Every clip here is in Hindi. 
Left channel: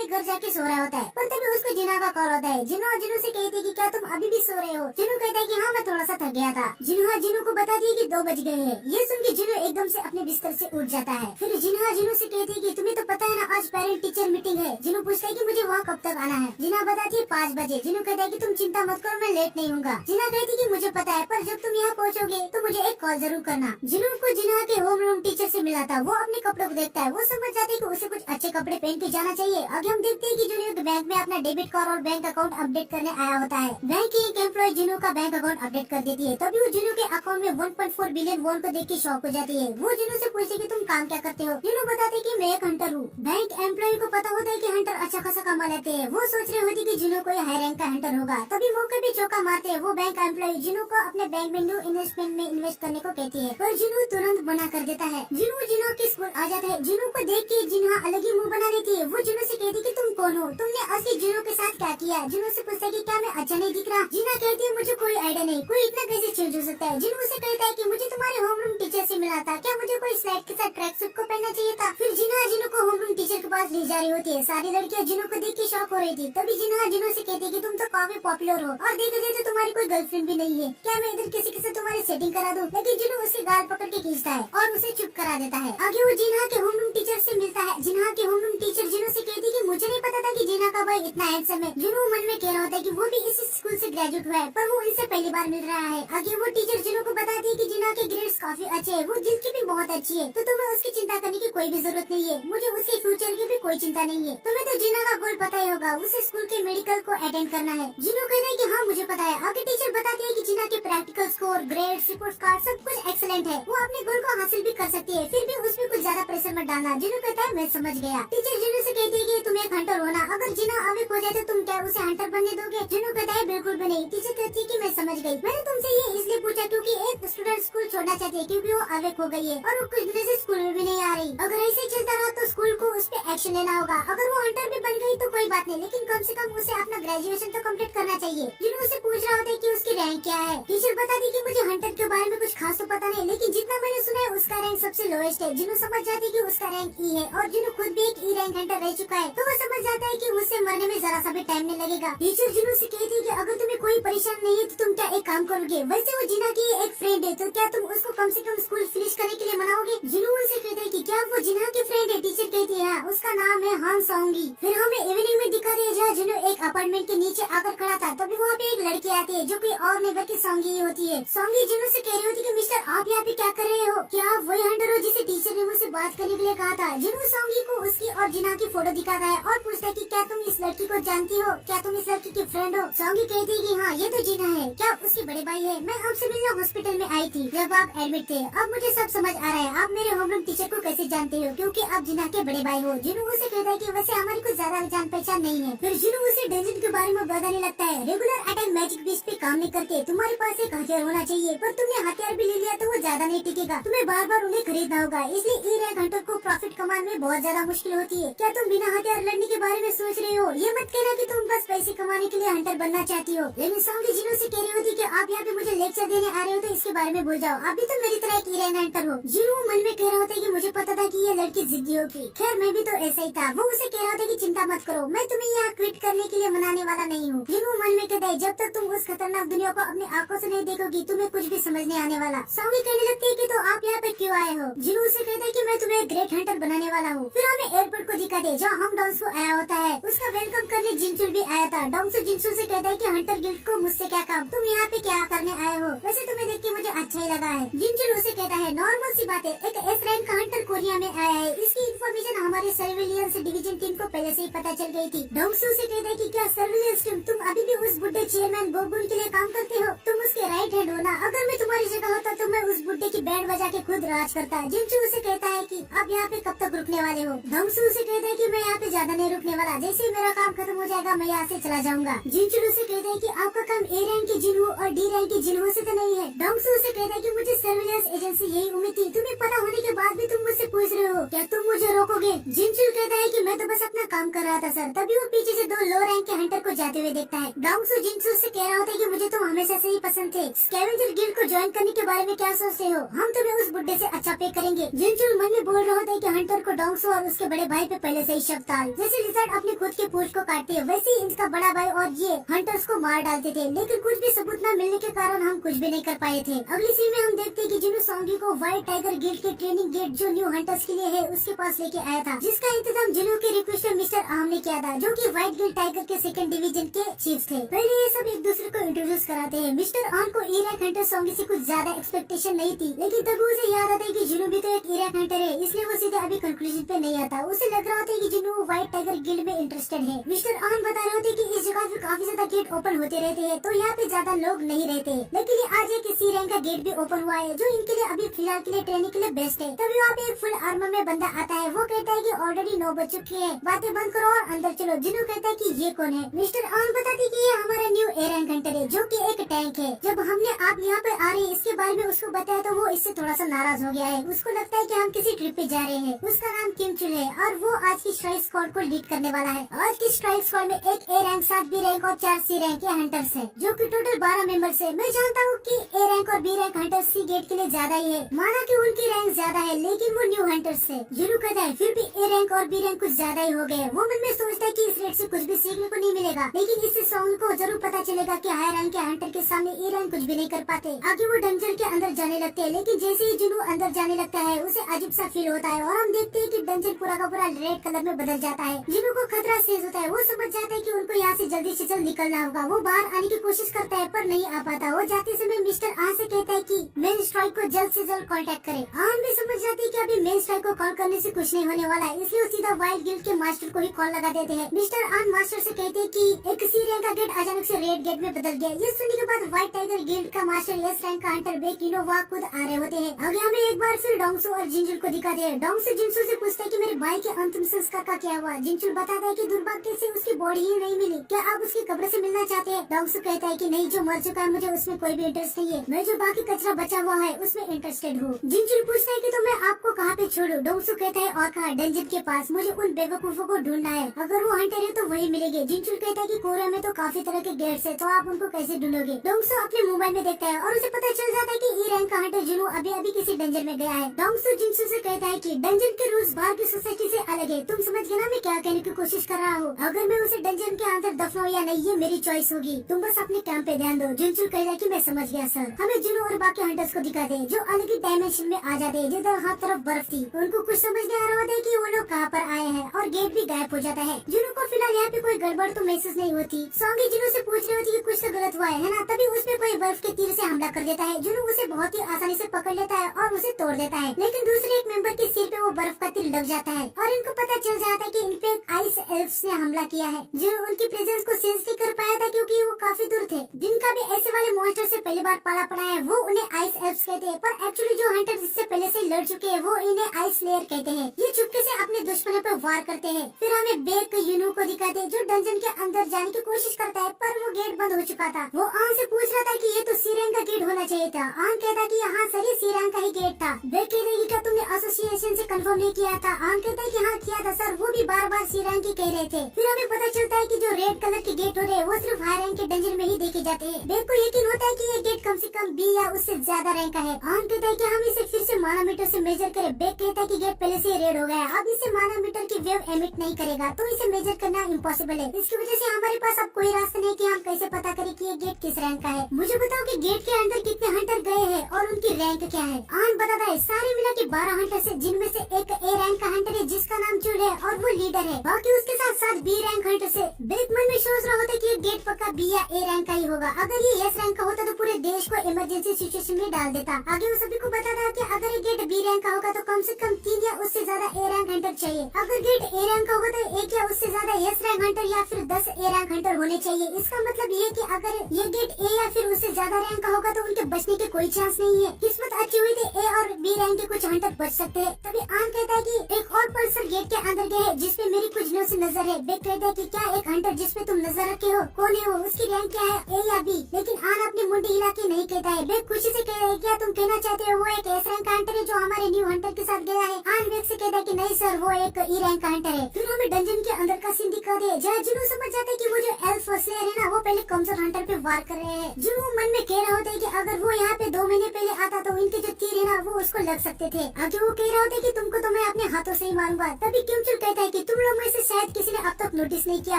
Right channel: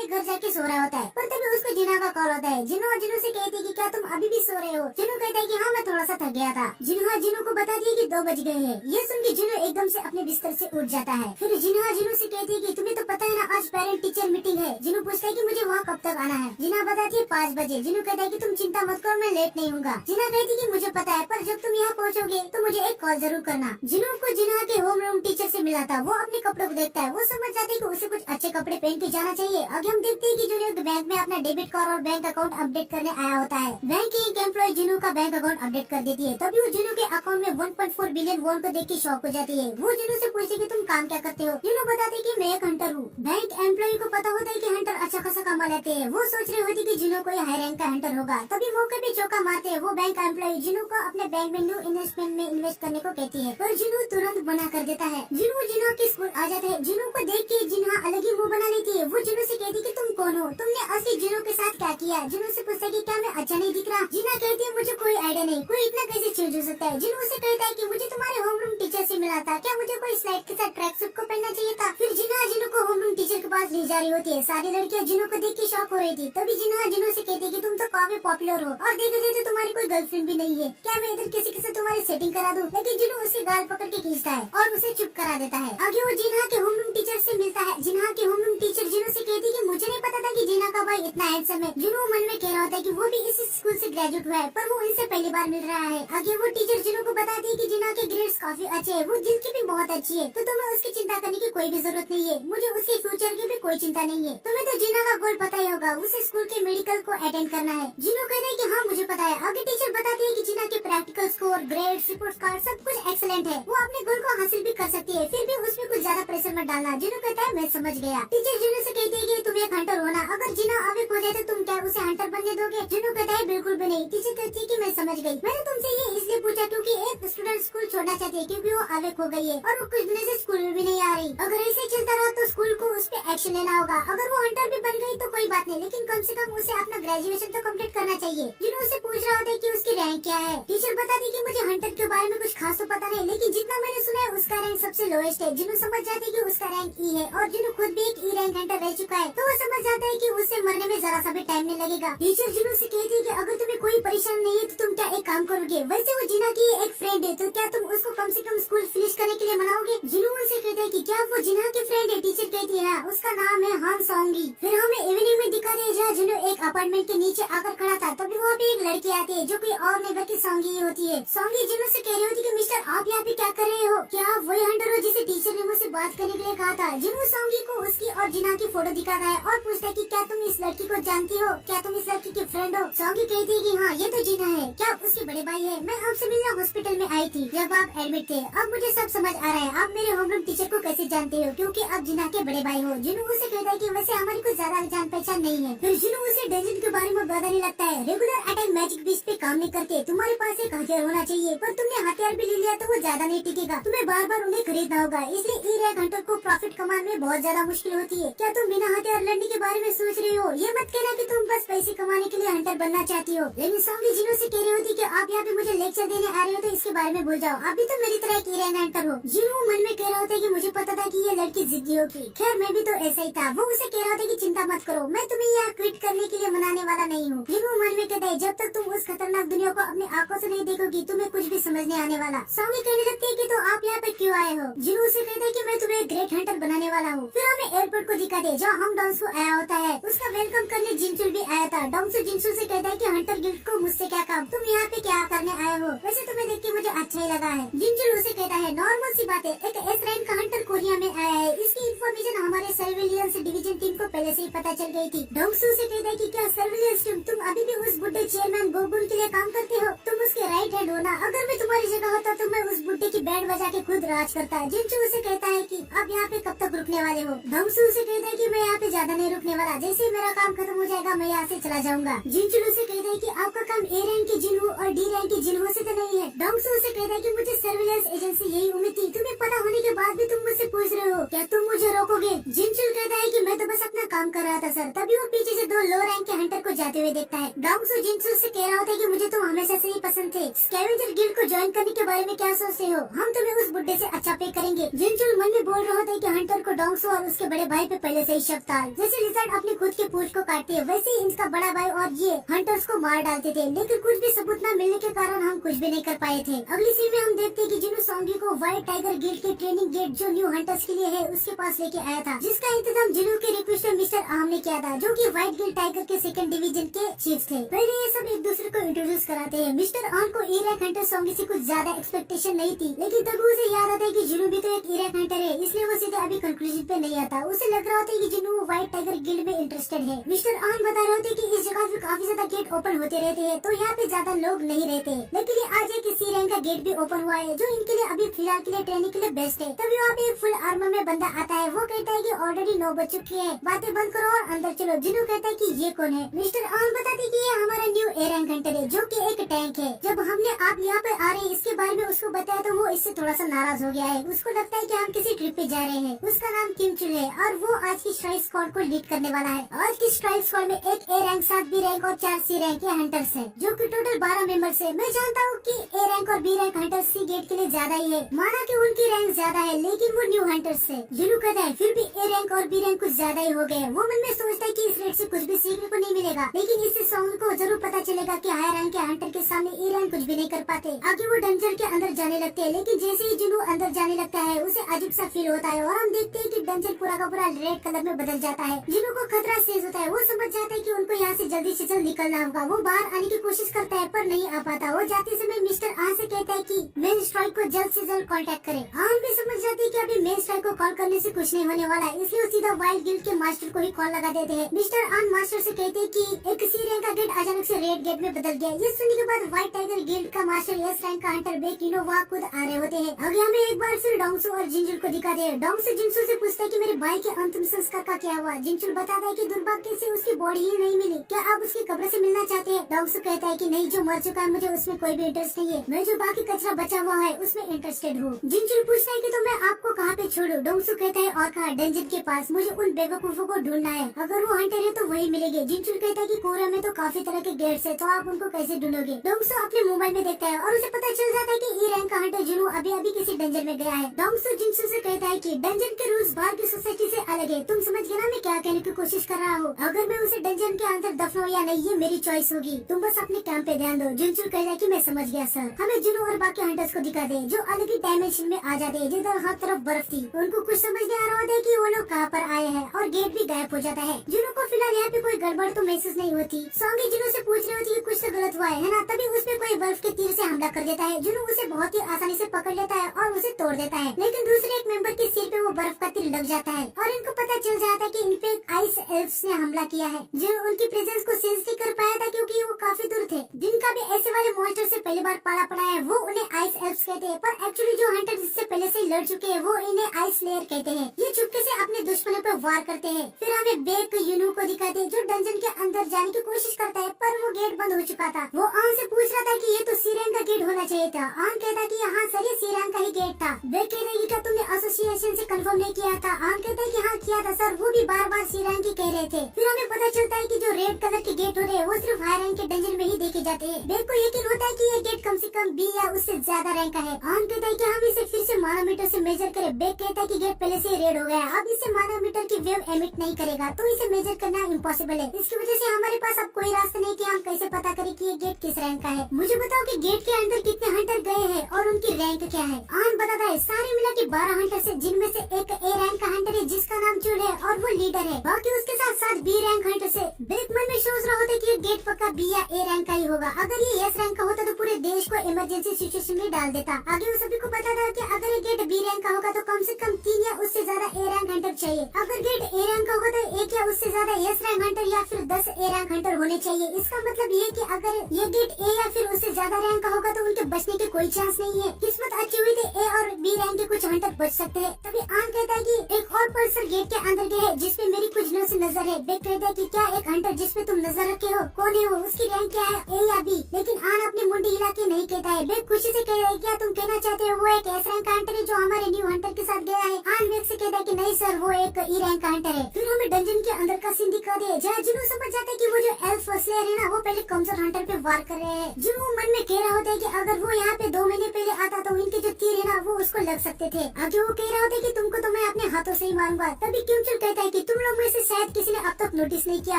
अपने घर जाके सो रहा होता है, पर तभी उसको जिन्ना का कॉल होता है। जिन्नू से कहती है कि क्या तुम अभी भी सो रहे हो? जिन्नू कहता है कि हाँ मैं थोड़ा सा थक गया था। जिन्नू को बता दिया कि 2 बज गए हैं। ये सुन के जिन्नू एकदम से अपने बिस्तर से उठ जाता है। फिर जिन्नू से कहती है कि तुम्हें तो पता है ना आज पेरेंट टीचर मीटिंग है। जिन्नू पूछता है कि मुझे वहाँ कब तक आना है? जिन्ना बताती है 5 बजे। जिन्नू कहता है कि तुम चिंता मत करो, मैं लेट नहीं हूँगा। जिन्ना कहती है कि मुझे पता है, पर जब तुम यहाँ पहुँचोगे तो मुझे एक कॉल जरूर करना। जिन्नू को जिन्ना के होमरूम टीचर से मिला था। वो अपने कपड़ों को देखता है। वो समझ जाते है कि उसे कुछ अच्छे कपड़े पहन के जाना चाहिए। आगे हम देखते हैं कि जिन्नू बैंक में अपना डेबिट कार्ड और बैंक अकाउंट अपडेट करने आया होता है। बैंक की एक एम्प्लॉय जिन्नू का बैंक अकाउंट अपडेट कर देती है। तभी वो जिन्नू के अकाउंट में 1.4 बिलियन वॉन को देख के शॉक हो जाती है। वो जिन्नू से पूछती है कि तुम काम क्या करते हो? जिन्नू बताते कि मैं एक हंटर हूँ। बैंक एम्प्लॉय को पता होता है कि हंटर अच्छा खासा कमा लेते हैं। वो सोच रही होती कि जिन्नू कोई हाई रैंक का हंटर होगा। तभी मौके पे चौका मारते हैं। वो बैंक एम्प्लॉय जिन्नू को अपने बैंक में न्यू इन्वेस्टमेंट में इन्वेस्ट करने को कहती है, पर जिन्नू तुरंत मना कर देता है। जिन्नू के स्कूल आ जाता है। जिन्नू को देख के जिन्ना अलग ही मुंह बना लेती है। वो जिन्नू से कहती है कि तुम कौन हो? तुमने असली जिन्नू के साथ क्या किया? जिन्नू से पूछता है कि क्या मैं अच्छा नहीं दिख रहा? जिन्ना कहती है मुझे कोई आइडिया नहीं, कोई इतना कैसे चेंज हो सकता है? जिन्नू से कहता है कि मुझे तुम्हारे होमरूम टीचर से मिला था, क्या मुझे कोई स्लाइड के साथ ट्रैक सूट को पहनना चाहिए था? फिर जिन्नू को होमरूम टीचर के पास ले जा रही होती है। सारी लड़कियां जिन्नू को देख के शॉक हो रही थी। तभी जिन्नू से कहती है कि तुम तो काफी पॉपुलर हो और देखा जाए तो तुम्हारी कोई गर्लफ्रेंड भी नहीं है, क्या मैं इधर किसी के साथ तुम्हारी सेटिंग करा दूं? लेकिन जिन्नू उसके गाल पकड़ के खींचता है और उसे चुप करा देता है। आगे वो जिन्ना के होमरूम टीचर से मिलता है। जिन्ना के होमरूम टीचर जिन्नू से कहती है कि मुझे नहीं पता था कि जिन्ना का भाई इतना हैंडसम है। जिन्नू मन में कह रहा होता है कि वो भी इसी स्कूल से ग्रेजुएट हुआ है, पर वो इनसे पहली बार मिल रहा है। आगे वो टीचर जिन्नू को बताती है कि जिन्ना के ग्रेड्स काफी अच्छे हैं, वो दिल की भी बहुत अच्छी है, तो तुम्हें उसकी चिंता करने की कोई भी जरूरत नहीं है। मुझे उसके फ्यूचर की भी कोई चिंता नहीं है। तुम्हें तो जिन्ना का गोल पता ही होगा, उसे स्कूल के मेडिकल को अटेंड करना है। जिन्नू कहता है कि हाँ मुझे पता है। आगे टीचर बताती है कि जिन्ना के practical score, grades, report card सब कुछ एक्सीलेंट है। वो अपने गोल को हासिल भी कर सकती है, फिर भी उसमें कुछ ज्यादा प्रेशर मत डालना। जिन्नू कहता है मैं समझ गया। टीचर जिन्नू से कहती है कि तुम एक हंटर हो ना, अगर जिन्ना अवेक हो जाए तो तुम क्या उसे हंटर बनने दोगे? जिन्नू कहता है बिल्कुल भी नहीं। टीचर कहती है कि मैं समझ गई। मैंने तुमसे ये इसलिए पूछा क्योंकि एक स्टूडेंट स्कूल छोड़ना चाहती है क्योंकि वो अवेक हो गई है और वो कुछ दिनों से स्कूल में भी नहीं आ रही। अगर ऐसे चलता रहा तो स्कूल को उस पर एक्शन लेना होगा। अगर वो हंटर भी बन गई तो कोई बात नहीं, लेकिन कम से कम उसे अपना ग्रेजुएशन तो कंप्लीट करना चाहिए। जिन्नू उसे पूछ रहा होता है कि उसकी रैंक क्या है। टीचर बताती है कि मुझे हंटर के बारे में कुछ खास तो पता नहीं, लेकिन जितना मैंने सुना है उसका रैंक सबसे लोएस्ट है। जिन्नू समझ जाती है कि उसका रैंक ई है और जिन्नू खुद भी एक ई रैंक हंटर रह चुका है, तो वो समझ जाता है कि उससे मरने में जरा सा भी टाइम नहीं लगेगा। टीचर जिन्नू से कहती है कि अगर तुम्हें कोई परेशानी नहीं है तो तुम क्या एक काम करोगे? वैसे वो जिन्ना की एक फ्रेंड है, तो क्या तुम उसको कम से कम स्कूल फिनिश करने के लिए मनाओगे? जिन्नू उनसे कहता है कि क्या वो जिन्ना की फ्रेंड है? टीचर कहती है उसका नाम है हान सोंगी। फिर हमें इवनिंग में दिखाते हैं जहाँ जिन्नू एक अपार्टमेंट के नीचे आकर खड़ा था। तभी वहाँ पे एक लड़की आती है जो कोई और नहीं बल्कि सोंगी ही होती है। सोंगी जिन्नू से कह रही होती है कि मिस्टर आप यहाँ पे क्या कर रहे हो? क्या आप वही हंटर हो जिसे टीचर ने मुझसे बात करने के लिए कहा था? जिन्नू सोंगी को उसकी और जिन्ना की फोटो दिखाता है और पूछता है कि क्या तुम इस लड़की को जानती हो? क्या तुम इस लड़की की फ्रेंड हो? सोंगी कहती है कि हाँ ये तो जिन्ना है। क्या उसके बड़े भाई है? मैं आपसे मिलने हॉस्पिटल में आई थी जब आप एडमिट थे। अब मुझे सब समझ आ रहा है, आप मेरे होमरूम टीचर को कैसे जानते हो, क्योंकि आप जिन्ना के बड़े भाई हो। जिन्नू उसे कहता है कि वैसे हमारी कुछ ज्यादा जान पहचान नहीं है। फिर जिन्नू उसे डेंजन के बारे में बताने लगता है। रेगुलर अटैक मैजिक बीस पे काम नहीं करते, तुम्हारे पास एक हथियार होना चाहिए, पर तुमने हथियार भी ले लिया तो वो ज्यादा नहीं टिकेगा, तुम्हें बार बार उन्हें खरीदना होगा। इसलिए ई रैंक हंटर को प्रॉफिट कमाने में बहुत ज्यादा मुश्किल होती है। क्या तुम बिना हथियार लड़ने के बारे में सोच रहे हो? ये मत कहना कि तुम बस पैसे कमाने के लिए हंटर बनना चाहती हो। लेकिन सोंगी जिन्नू से कह रही होती कि आप यहाँ पे मुझे लेक्चर देने आ रहे हो तो इसके बारे में भूल जाओ, आप भी तो मेरी तरह एक ई रैंक हंटर हो। जिन्नू मन में कह रहा होता है कि मुझे पता था कि ये लड़की जिद्दी होगी। खैर मैं भी तो ऐसा ही था। वो उसे कह रहा था कि चिंता मत करो, मैं तुम्हें यहाँ क्विट करने के लिए मनाने वाला नहीं हूँ। जिन्नू मन में कहता है जब तक तुम उस खतरनाक दुनिया को अपनी आंखों से नहीं देखोगी तुम्हें कुछ भी समझ नहीं आने वाला। सोंगी कहने लगती है कि तो आप यहाँ पे क्यों आए हो? जिन्नू उसे कहता है कि मैं तुम्हें ग्रेट हंटर बनाने वाला हूँ। फिर हमें एयरपोर्ट को दिखा दे जहाँ हम डोंगसू आया होता है। उसका वेलकम करने जिनचुल भी आया था। डोंगसू जिनचुल से कहता है कि हंटर गिल्ड को मुझसे क्या काम, तुम यहाँ पे क्या करने आए हो? वैसे तुम्हें देख के मुझे अच्छा ही लगा है। जिनचुल उसे कहता है नॉर्मल सी बात है, एक एस रैंक का हंटर कोरिया में आया है, इसकी इन्फॉर्मेशन हमारे सर्विलियंस डिवीजन टीम को पहले से ही पता चल गई थी। डोंगसू से कहता है कि क्या सर्विलियंस टीम तुम अभी भी उस बुड्ढे चेयरमैन गोगुन के लिए काम करते हो? तुम उसके राइट हैंड हो ना? अगर मैं तुम्हारी जगह होता तो मैं उस बुड्ढे की बैंड बजा के खुद राज करता। जिनचू उसे कहता है कि अब यहाँ पे कब तक रुकने वाले हो? डोंगसू उसे कहता है कि मैं यहाँ पे ज्यादा नहीं रुकने वाला, जैसे ही मेरा काम खत्म हो जाएगा, मैं यहाँ से चला जाऊंगा। जिनचुल उसे कहता है कि आपका काम ए रैंक के जिन्हो और डी रैंक के जिन्हो से तो नहीं है। डोंगसू उसे कहता है कि मुझे सर्विलेंस एजेंसी यही उम्मीद थी, तुम्हें पता होने के बाद भी तुम मुझसे पूछ रहे हो, क्या तुम मुझे रोकोगे? जिनचुल कहता है कि मैं तो बस अपना काम कर रहा था सर। तभी वो पीछे से 2 लो रैंक के हंटर को जाते हुए देखता है। डोंगसू जिनचुल से कह रहा होता है कि मुझे तुम हमेशा से ही पसंद थे, स्कैवेंजर गिल्ड को ज्वाइन करने के बारे में क्या सोचते हो? हम तुम्हें उस बुड्ढे से अच्छा पे करेंगे। जिनचुल मन में बोल रहा होता है कि हंटर को डोंगसू और उसके बड़े भाई पे पहले से ही शक था। जैसे लिजर्ड अपने खुद के पूंछ को काटते है, वैसे ही इनका बड़ा भाई और ये हंटर्स को मार डालते थे, लेकिन कुछ भी सबूत न मिलने के कारण हम कुछ भी नहीं कर पाए थे। अगली सीन में हम देखते हैं कि जिन्हो सोंगी को व्हाइट टाइगर गिल्ड के ट्रेनिंग गेट जो न्यू हंटर्स के लिए है उसके पास लेके आया था, जिसका इंतजाम जिन्हो के रिक्वेस्ट में मिस्टर आहम ने किया था, जो कि व्हाइट गिल्ड टाइगर के 2nd डिवीजन के चीफ थे। पहले ये सब एक दूसरे को इंट्रोड्यूस कराते हैं। मिस्टर आहम को ई रैंक हंटर सोंगी से कुछ ज्यादा एक्सपेक्टेशन नहीं थी, लेकिन तभी उसे याद आता है कि जिन्हो भी तो एक ई रैंक हंटर है, इसलिए वो सीधे अभी कंक्लूजन पे नहीं आता। उसे लग रहा होता है कि जिन्हो व्हाइट टाइगर गिल्ड में इंटरेस्टेड है। मिस्टर आहम बता रहे होते कि इस जगह पे काफी ज्यादा गेट ओपन होते रहते हैं, तो यहाँ पे ज्यादा लोग नहीं रहते, लेकिन ये आज एक सी रैंक का गेट भी ओपन हुआ है, जो इनके लिए अभी फिलहाल के लिए ट्रेनिंग के लिए बेस्ट है। तभी वहाँ पे एक फुल आर्मर में बंदा आता है। वो कहता है कि ऑलरेडी 9 बज चुके हैं, बातें बंद करो और अंदर चलो। जिन्हो कहता है कि ये कौन है? मिस्टर आहम बताते कि ये हमारा न्यू ए रैंक हंटर है, जो कि एक टैंक है। जब हमने आप यहाँ पे आ रहे हैं इसके बारे में उसको बताया तो वो इससे थोड़ा सा नाराज हो गया है। उसको लगता है कि हम किसी ट्रिप पे जा रहे हैं। उसका नाम किम चुल है और वो आज की स्ट्राइक स्क्वाड को लीड करने वाला है। आज की स्ट्राइक स्क्वाड में एक ए रैंक, 7 बी रैंक और 4 सी रैंक के हंटर्स है, जो कि टोटल 12 मेंबर्स है। मैं जानता हूँ कि ए रैंक और बी रैंक हंटर्स सी गेट के लिए ज्यादा ही है, माना कि उनकी रैंक ज्यादा है, लेकिन वो न्यू हंटर्स है। जिन्हो कहता है फिर भी ए रैंक और बी रैंक कुछ ज्यादा ही हो गए। वो मन में सोचता है कि इस रेट से कुछ भी सीखने को नहीं मिलेगा, लेकिन इससे सोंग को जरूर पता चलेगा कि हायर रैंक के हंटर के सामने ए रैंक कुछ भी नहीं कर पाते। आगे वो डंजन के अंदर जाने लगते हैं, लेकिन जैसे ही जिन्हो अंदर जाने लगता है उसे अजीब सा फील होता है और हम देखते हैं कि डंजन पूरा का पूरा रेड कलर में बदल जाता है। जिन्हो को खतरा सेज होता है। वो समझ जाता है कि उनको यहाँ से जल्दी से जल्द निकलना होगा। वो बाहर आने की कोशिश करता है पर नहीं आ पाता। वो जाते समय मिस्टर आन से कहता है कि मेन स्ट्राइक को जल्द से जल्द कांटेक्ट करे। आन भी समझ जाती है कि अभी मेन स्ट्राइक को कॉल करने से कुछ नहीं होने वाला है, इसलिए वो सीधा वाइल्ड गिल्ड के मास्टर को ही कॉल लगा देते हैं। मिस्टर आन मास्टर से कहते हैं कि एक सी रैंक का गेट अचानक से रेड गेट में बदल गया। ये सुनने के बाद व्हाइट टाइगर गिल्ड का मास्टर एस रैंक का हंटर बेकिनो वहाँ खुद आ रहे होते हैं। आगे हमें एक बार फिर डोंगसू और जिनचुल को दिखाते हैं। डोंगसू जिनचुल से पूछता है कि मेरे भाई के अंतिम संस्कार का क्या हुआ? जिनचुल बताता है कि दुर्भाग्य से उसकी बॉडी ही नहीं मिली, क्या आप उसकी कब्र से मिलना चाहते हैं? डोंगसू कहता है कि नहीं, जो मर चुका है मुझे उसमें कोई भी इंटरेस्ट नहीं है, मैं जो बाकी कचरा बचा हुआ है उसमें इंटरेस्टेड हूँ। जिनचुल पूछता है कि तो मैं आपको कहाँ पे छोड़ू? डोंगसू कहता है और कहा, डंजन के पास, मुझे उन बेवकूफों को ढूंढना है, अगर वो हंटर है तो वही मिलेंगे। जिनचुल कहता है कि कोरिया में तो काफी तरह के गेट्स है, तो आप उनको कैसे ढूंढोगे? डोंगसू अपने मोबाइल में देखता है और उसे पता चल जाता है कि ई रैंक का हंटर जिन्हो अभी अभी किसी डंजन में गया है। डोंगसू जिनचुल से कहता है कि डंजन के रूल्स बाहर की सोसाइटी से अलग है, तुम समझ गए ना मैं क्या कहने की कोशिश कर रहा हूँ? अगर मैं उसे डंजन के अंदर दफनाऊं या नहीं ये मेरी चॉइस होगी, तुम बस अपने काम पे ध्यान दो। जिनचुल कहता है कि मैं समझ गया सर। हमें जिन्हो और बाकी हंटर्स को दिखाते हैं जो अलग ही डायमेंशन में आ जाते हैं, जिधर हर तरफ बर्फ थी। उनको कुछ समझ नहीं आ रहा होता है कि वो लोग कहाँ पर आए हैं और गेट भी गायब हो जाता है। जिन्हो को फिलहाल यहाँ पे कोई गड़बड़ तो महसूस नहीं होती। सोंगी जिन्हो से पूछ रही होती कि कुछ तो गलत हुआ है ना, तभी उसपे कोई बर्फ के तीर से हमला कर देता है। जिन्हो उसे बहुत ही आसानी से पकड़ लेता है और उसे तोड़ देता है, लेकिन दूसरे एक मेंबर के सिर पे वो बर्फ का तीर लग जाता है और इनको पता चल जाता है कि इन पे आइस एल्फ्स ने हमला किया है, जो उनकी प्रेजेंस को सेंस नहीं कर पाया था क्योंकि वो काफी दूर थे। जिनका भी ऐसे वाले मॉन्स्टर से पहली बार पाला पड़ा है वो उन्हें आइस एल्फ्स कहते हैं, पर एक्चुअली जो हंटर जिससे पहले से लड़ चुके हैं वो इन्हें आइस लेयर कहते हैं। ये चुपके से अपने दुश्मनों पर वार करते हैं। फिर हमें बेक यूनू को दिखाते हैं जो डंजन के अंदर जाने की कोशिश करता है, पर वो गेट बंद हो चुका था। वो आन से पूछ रहा था कि ये तो सी रैंक का गेट होना चाहिए था। आन कहता कि हाँ सर, ये सी रैंक का ही गेट था। बेक कहता है कि क्या तुमने एसोसिएशन से कंफर्म नहीं किया था? आन कहता है कि हाँ किया था सर, वो भी बार बार सी रैंक ही कह रहे थे। फिर हमें पता चलता है कि जो रेड कलर के गेट होते हैं वो सिर्फ हाई रैंक के डंजन में ही देखे जाते हैं। बेक को यकीन होता है कि ये गेट कम से कम बी या उससे ज्यादा रैंक का है। आन कहता है कि हम इसे फिर से मानोमीटर से मेजर करें। बेक कहता है कि गेट पहले से रेड हो गया, अब इसे मानोमीटर की वेव एमिट नहीं करेगा, तो इसे मेजर करना इम्पॉसिबल है। इसकी वजह से हमारे पास अब कोई रास्ता नहीं कि हम कैसे पता करें कि ये गेट किस रैंक का है। मुझे बताओ कि गेट के अंदर कितने हंटर गए हैं और उनकी रैंक क्या है? आन बताता है सारे मिला के 12 हंटर है, जिनमें से एक ए रैंक का हंटर है जिसका नाम चुल है और वो लीडर है। बाकी उसके साथ 7 बी रैंक हंटर है। बेक मन में सोच रहा होता है कि ये गेट पक्का बी या ए रैंक का ही होगा। अगर ये एस रैंक का होता तो पूरे देश को इमरजेंसी सिचुएशन में डाल देता। आगे वो सभी को बताता है कि अगर ये गेट बी रैंक का होगा तो कम से कम 3 या उससे ज्यादा ए रैंक हंटर चाहिए। अगर गेट ए रैंक का होगा तो 1 या उससे ज्यादा एस रैंक हंटर या फिर 10 ए रैंक हंटर होने चाहिए। इसका मतलब ये है कि अगर ये गेट ए या फिर उससे ज्यादा रैंक का होगा तो उनके बचने के कोई चांस नहीं है। किस्मत अच्छी हुई तो ए और बी रैंक के कुछ हंटर बच सकते हैं। तभी आन कहता है कि एक और पल्सर गेट के अंदर गए है जिसपे मेरी कुछ नजर है। बेक कहता है कि क्या एक हंटर जिस पे तुम नजर रखे हो कौन है वो, उसकी रैंक क्या है, ए या बी। लेकिन आन अपनी मुंडी हिला के नहीं कहता है। बेग खुशी से कहता है क्या तुम कहना चाहते हो वो एक एस रैंक का हंटर है जो हमारे न्यू हंटर के साथ गया है। आन बेग से कहता है कि नहीं सर वो एक ई रैंक का हंटर है। फिर हमें डंजन के अंदर का सीन दिखा दे जहाँ जुनू समझ जाता है कि वो जो एल्फ स्लेयर है ना वो पहले कमजोर हंटर पे वार कर रहे हैं। जुनू मन में कह रहा होता है कि अगर वो यहाँ पे 2 महीने पहले आता तो इनके जो तीर है ना वो उसको लग सकते थे। आगे वो कह रहा होता है कि तुमको तो मैं अपने हाथों से ही मारूंगा। तभी क्यूमचुल कहता है कि तुम लोग में से शायद किसी ने अब तक नोटिस नहीं किया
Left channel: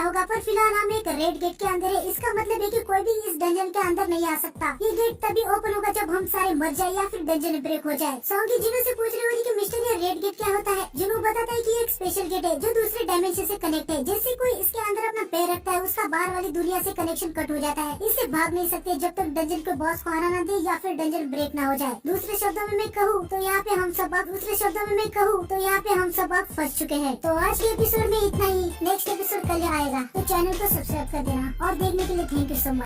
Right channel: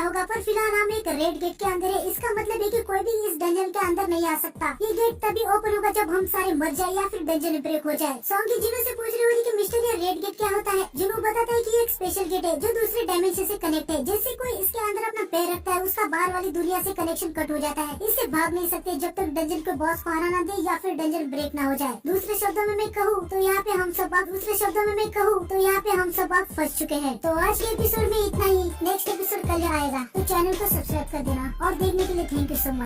होगा पर फिलहाल हम एक रेड गेट के अंदर है। इसका मतलब है कि कोई भी इस डंजन के अंदर नहीं आ सकता। ये गेट तभी ओपन होगा जब हम सारे मर जाए या फिर डंजन ब्रेक हो जाए। सॉन्गी जिनू से पूछ रही होती कि मिस्टर ये रेड गेट क्या होता है। जिनू बताता है कि ये एक स्पेशल गेट है जो दूसरे डायमेंशन से कनेक्ट है। जैसे कोई इसके अंदर अपना पैर रखता है उसका बाहर वाली दुनिया से कनेक्शन कट हो जाता है। इससे भाग नहीं सकते जब तक डंजन को बॉस को आना ना दे या फिर डंजन ब्रेक ना हो जाए। दूसरे शब्दों में मैं कहूँ तो यहाँ पे हम सब आप फंस चुके हैं। तो आज के एपिसोड में इतना ही। नेक्स्ट एपिसोड कल आएगा तो चैनल को सब्सक्राइब कर देना और देखने के लिए थैंक यू सो मच।